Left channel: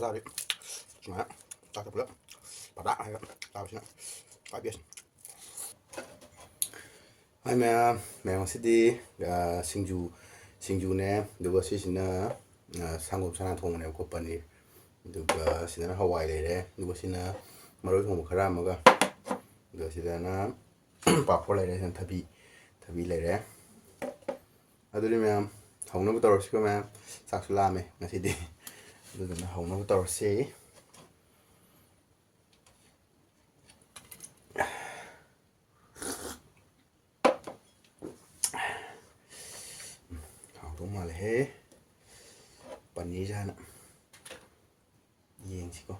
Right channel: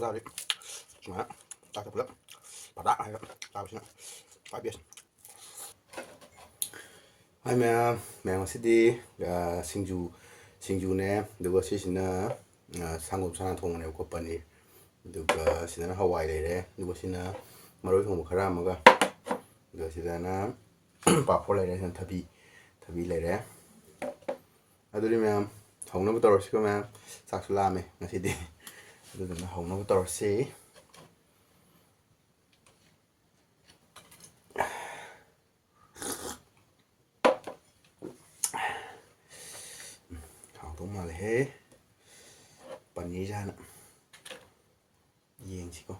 có ra đấy mà ta tập lớp bà đã hay tao xin phải biết hai mẹ masidi singju duga sisina sangum sana thong ne ko paneer duga sidana hawai leire duga sina maroi thong khara amaga duga sidana papor leire san thabi leire aduri ma'am hongna tawrsi ko ma'am saksu lame masidi aduna hongna tawrsi hong mà le paneer jana yeng siko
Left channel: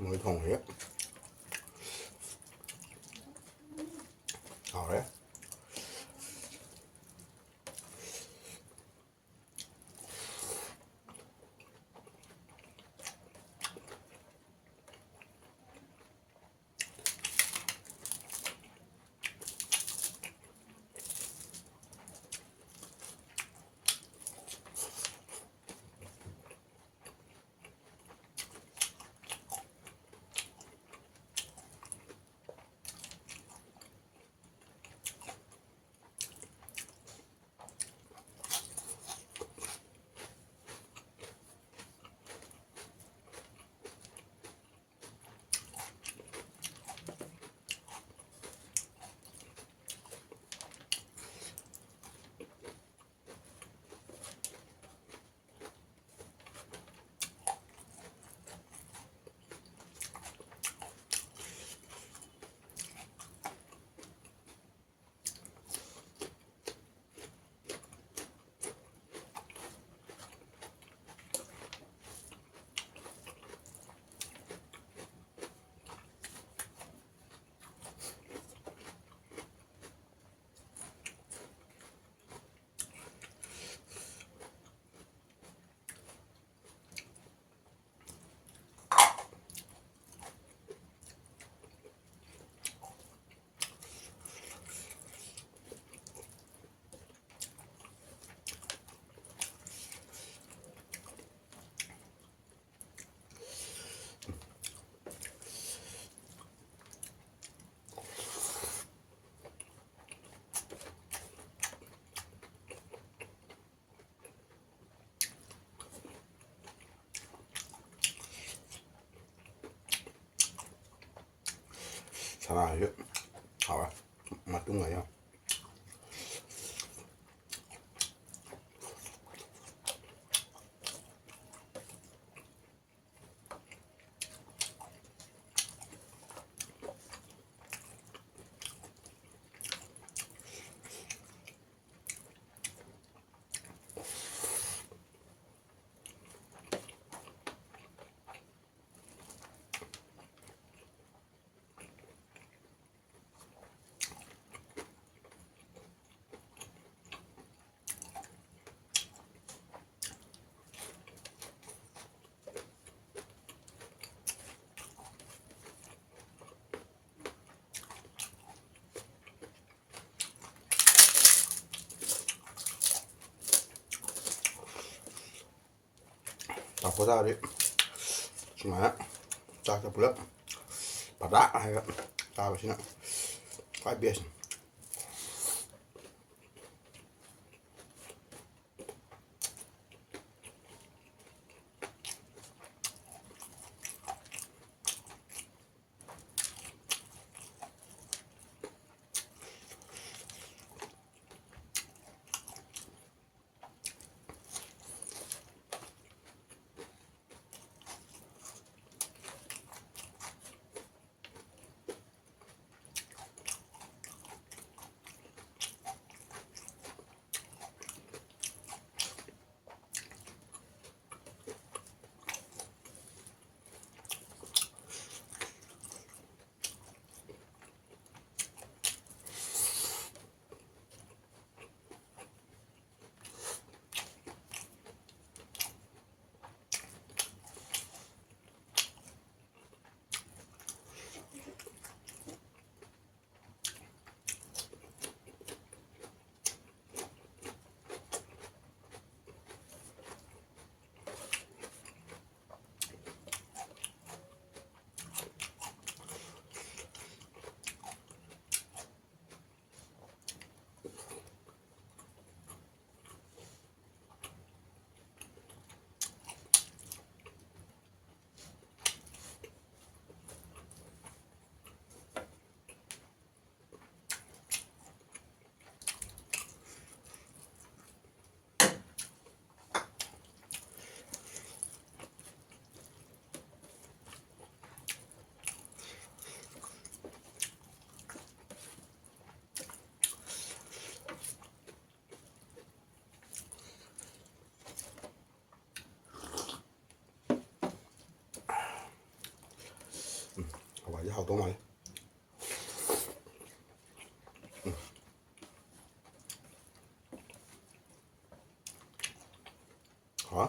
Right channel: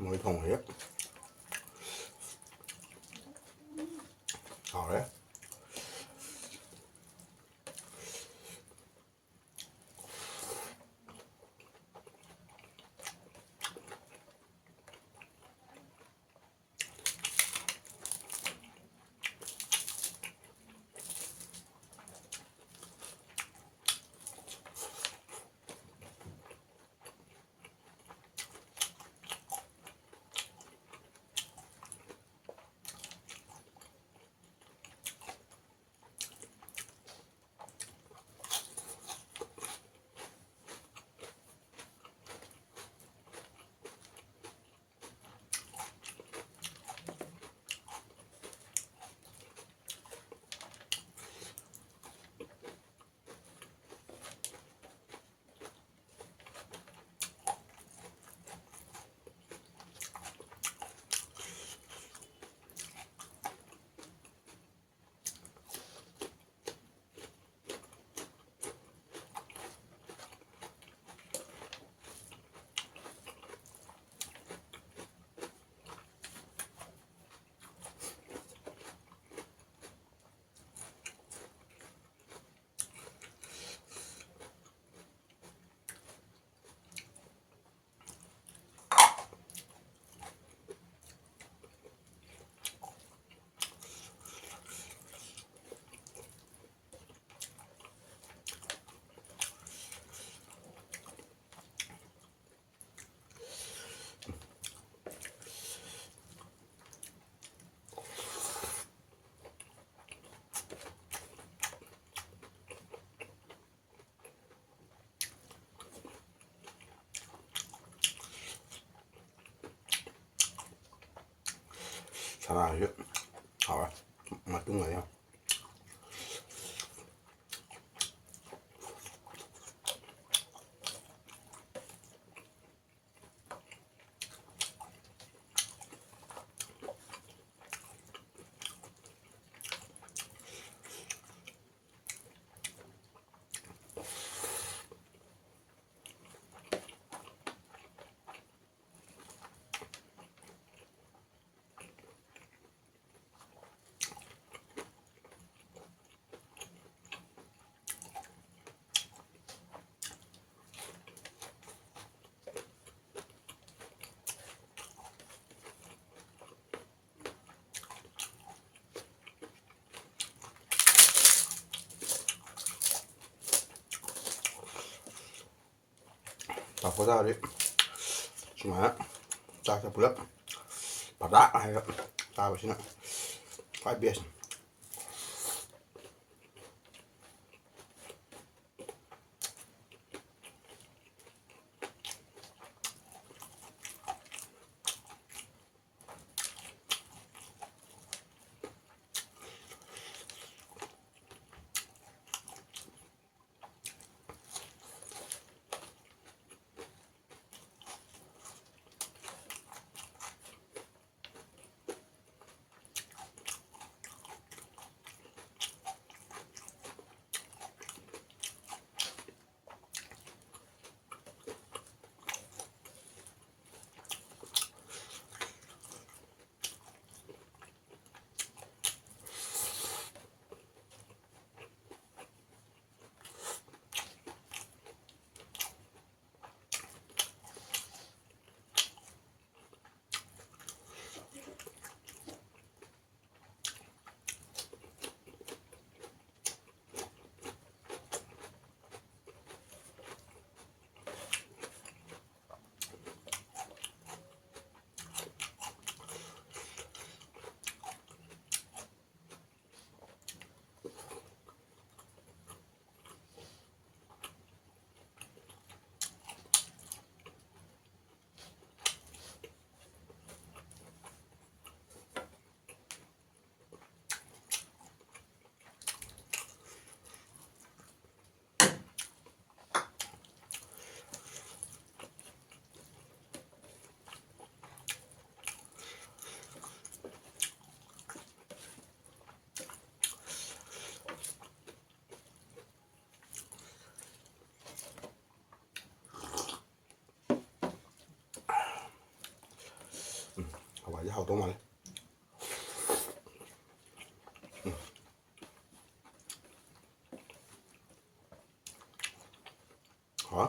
mới thùng hết đấy 사랑하죠. 봐봐. 맛좀 가요. 닭고사리 정말 쫙쫙 불려 바다 hay ta vào xin ạ phải biết quả với hàu tôm này hả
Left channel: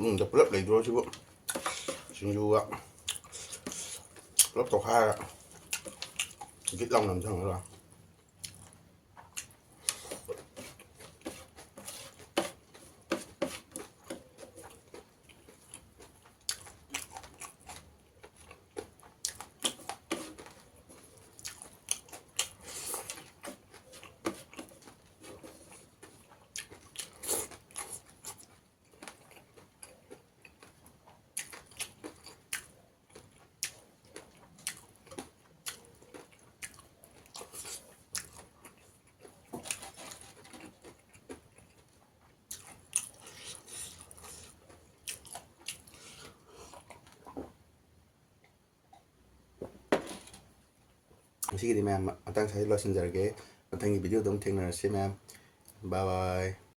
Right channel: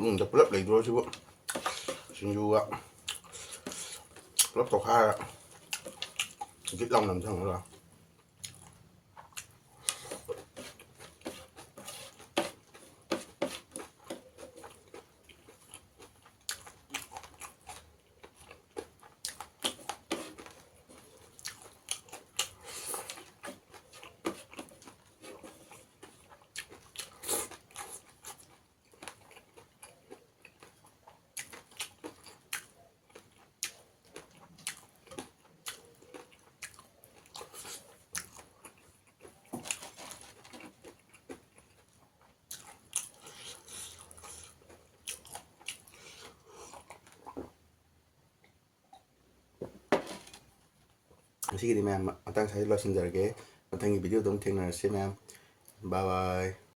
tụi tập lớp này rồi chứ bộ xin du ạ lớp tàu hai ạ cái lòng nằm trong đó là ꯉꯁꯤꯒꯤꯗꯤ ꯃꯌꯥꯝ ꯃꯇꯥꯡ ꯁ꯭ꯋꯥꯏꯗ ꯂꯣꯏꯁꯤꯟꯖꯔꯒꯦ ꯃꯊꯪꯒꯤ ꯚꯤꯗꯤꯑꯣꯗ ꯑꯃꯨꯛ ꯊꯦꯡꯅꯔꯁꯤ ꯃꯌꯥꯝ ꯕꯥꯏ ꯕꯥꯏ